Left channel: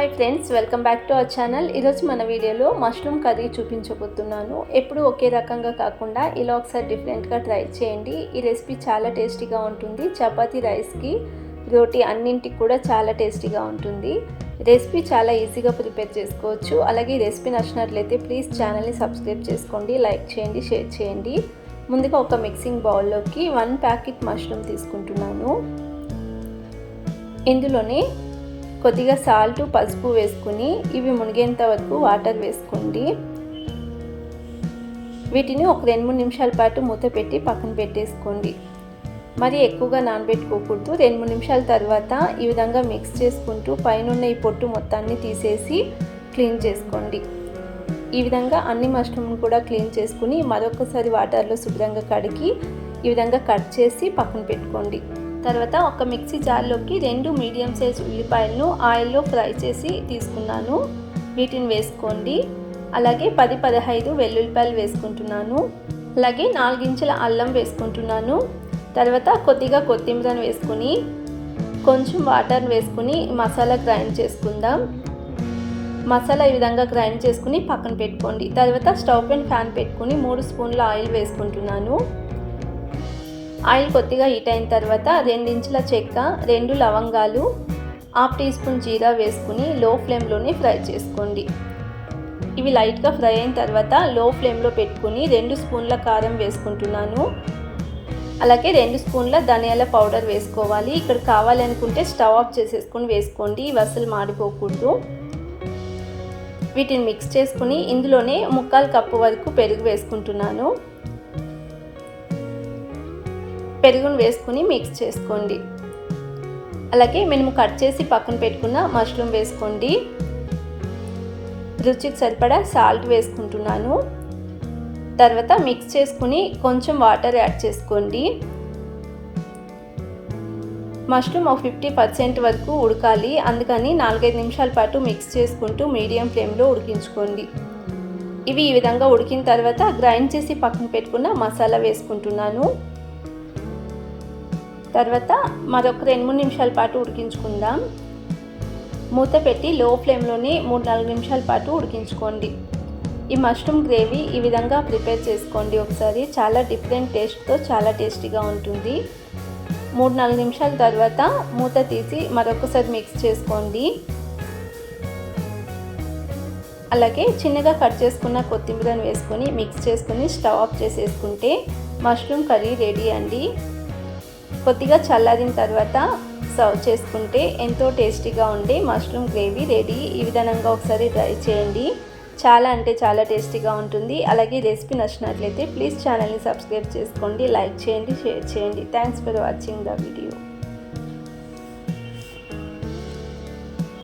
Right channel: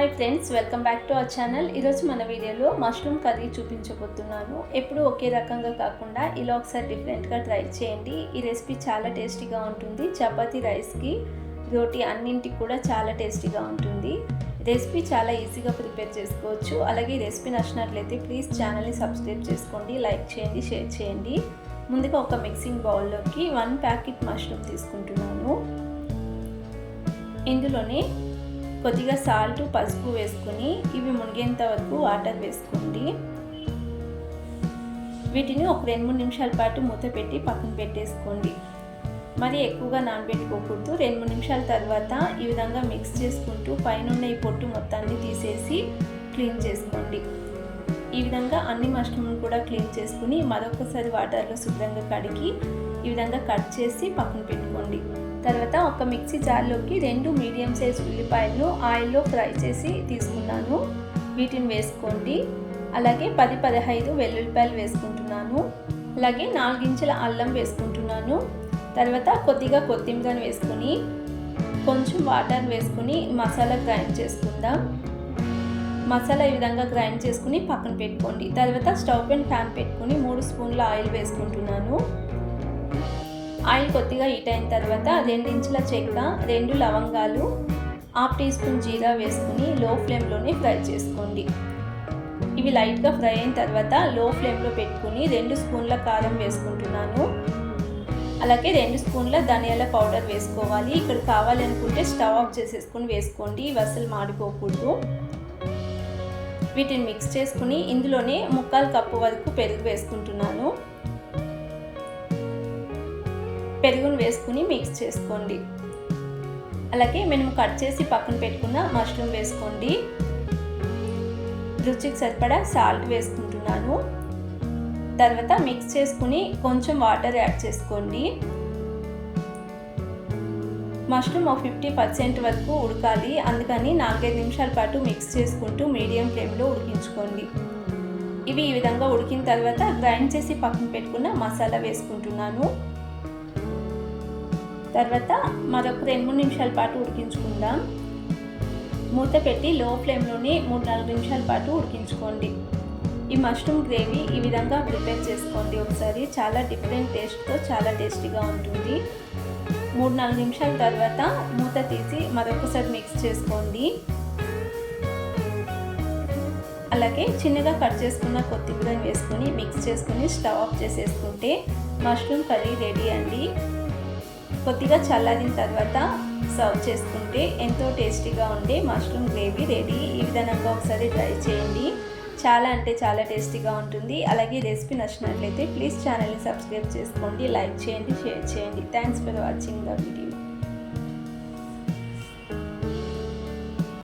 Hi friends, welcome back to our channel. ఈరోజు మన వీడియోలో మష్రూమ్ కర్రీ చూపించబోతున్నాను. ఎప్పుడు ఒకే రకంగా కాకుండా ఇలా ఒకసారి డిఫరెంట్గా ట్రై చేయండి. ఈ రెసిపీ చాలా టేస్టీగా ఉంటుంది. చపాతీ, రైస్కి, రోటీ అన్నింటికి కూడా చాలా టేస్టీగా ఉంటుంది. రెసిపీ చాలా ఈజీగా ప్రిపేర్ చేసుకోవచ్చు. అలాగే ఈ రెసిపీ నచ్చినట్లయితే ప్లీజ్ ఛానల్ని సబ్స్క్రైబ్ చేసుకోండి, లైక్ చేయండి, షేర్ చేయండి. ముందుగా ఒక మిక్సింగ్ బౌల్లోకి 1 ప్యాకెట్ మష్రూమ్ తీసుకుంటున్నాను. ఇందులోనే కొద్దిగా సాల్ట్, పసుపు వేసుకుని ఇవి మునిగేంత వరకు వాటర్ వేసుకోండి. వీటిని ఒక 2-3 నిమిషాల పాటు మూత పెట్టి పక్కన పెట్టేసుకోండి. మరి ఎక్కువగా నానబెట్టుకోకూడదు. 2-3 నిమిషాల తర్వాత ఈ విధంగా మిక్స్ చేసుకుంటూ పైన ఈ పొట్టు మొత్తాన్ని తీసేసి క్లీన్ చేసుకోండి. ఈ విధంగా అన్ని మష్రూమ్ని కూడా క్లీన్ చేసుకుని మరొకసారి వాటర్లో శుభ్రంగా కడిగి ఈ విధంగా కట్ చేసి పక్కన పెట్టుకోండి. తర్వాత ఒక మిక్సీ జార్లోకి 2 మీడియం సైజ్ ఉల్లిపాయలను ఆయిల్లో ఫ్రై చేసి తీసుకున్నాను. వీటిని వేసుకోండి. అలాగే 10-15 వెల్లుల్లిపాయలు వేసుకుంటున్నాను. అలాగే 4 ఇంచుల అల్లం వేసుకుంటున్నాను. తర్వాత కొద్దిగా కొత్తిమీరను వేసుకుని కొంచెం వాటర్ వేసుకుని మసాలా గ్రైండ్ చేసుకుందాం. మసాలా ఈ విధంగా గ్రైండ్ చేసుకుని పక్కన పెట్టుకోండి. తర్వాత స్టవ్ పైన ప్యాన్ పెట్టుకుని 3 స్పూన్ల ఆయిల్ వేసుకుంటున్నాను. ఆయిల్ కొద్దిగా హీట్ అయిన తర్వాత 2 ఇంచుల చెక్క, 2 లవంగాలు, 1/2 టీ స్పూన్ జీరా వేసుకుని లో ఫ్లేమ్లోనే ఫ్రై చేసుకోండి. ఇవి లైట్గా ఫ్రై అయిన తర్వాత లో ఫ్లేమ్లో పెట్టుకుని 2 స్పూన్ల కారం వేసుకుంటున్నాను. అలాగే 2 స్పూన్ల ధనియాల పౌడర్ వేసుకోవాలి. ఇక్కడ కావాలనుకుంటే స్టవ్ ఆఫ్ చేసేసుకుని వేసుకోండి. ఇవి అసలు మాడిపోకూడదు. వీటిని మిక్స్ చేసుకుని ఇందులోనే 1/4 కప్పు వరకు పెరుగు వేసుకుంటున్నాను. పెరుగును వేసుకుని మిక్స్ చేసుకోండి. అలాగే మేము కట్ చేసి పక్కన పెట్టుకున్న మష్రూమ్ వేసుకోండి. రుచికి సరిపడా సాల్ట్ వేసుకుంటున్నాను. తర్వాత మిక్స్ చేసుకుని కొంచెం వాటర్ యాడ్ చేసుకోండి. మష్రూమ్ 50% వరకు ఉడకాలి. అందుకని 4-5 నిమిషాల పాటు మిక్స్ చేసుకుంటూ మీడియం ఫ్లేమ్లో ఉడికించుకోండి. ఇవి ఈ విధంగా ఉడికిన తర్వాత గ్రైండ్ చేసి పక్కన పెట్టుకున్న మసాలా వేసుకుంటున్నాను. తర్వాత మరొక 2-3 నిమిషాల పాటు ఉడికించుకుందాం. మూత పెట్టి లో ఫ్లేమ్లోనే 3-4 నిమిషాల పాటు ఉడికించుకోండి. ఈ మష్రూమ్ గ్రేవీ ఈ విధంగా ప్రిపేర్ చేసుకోండి ఒకసారి. చాలా డిఫరెంట్ టేస్ట్తో చాలా టేస్టీగా ఉంటుంది. 3-4 నిమిషాల తర్వాత మూత తీసి మరొకసారి మిక్స్ చేసుకోండి. అలాగే చిన్నగా కట్ చేసుకున్న కొత్తిమీరని వేసుకొని మిక్స్ చేసుకుని స్టవ్ ఆఫ్ చేసేసుకుంటే మష్రూమ్ కర్రీ రెడీ అండి. కొద్దిగా చల్లారిన తర్వాత సర్వ్ చేసుకుంటే ఎంతో టేస్టీగా ఉండే మష్రూమ్ గ్రేవీ రెడీ. ఈ విధంగా ఒకసారి ట్రై చేయండి. చాలా అంటే చాలా టేస్టీగా ఉంటుంది. అలాగే ఈ రెసిపీ నచ్చినట్లయితే ప్లీజ్ ఛానల్ని సబ్స్క్రైబ్ చేసుకోండి, లైక్ చేయండి, షేర్ చేయండి. Thanks for watching the video.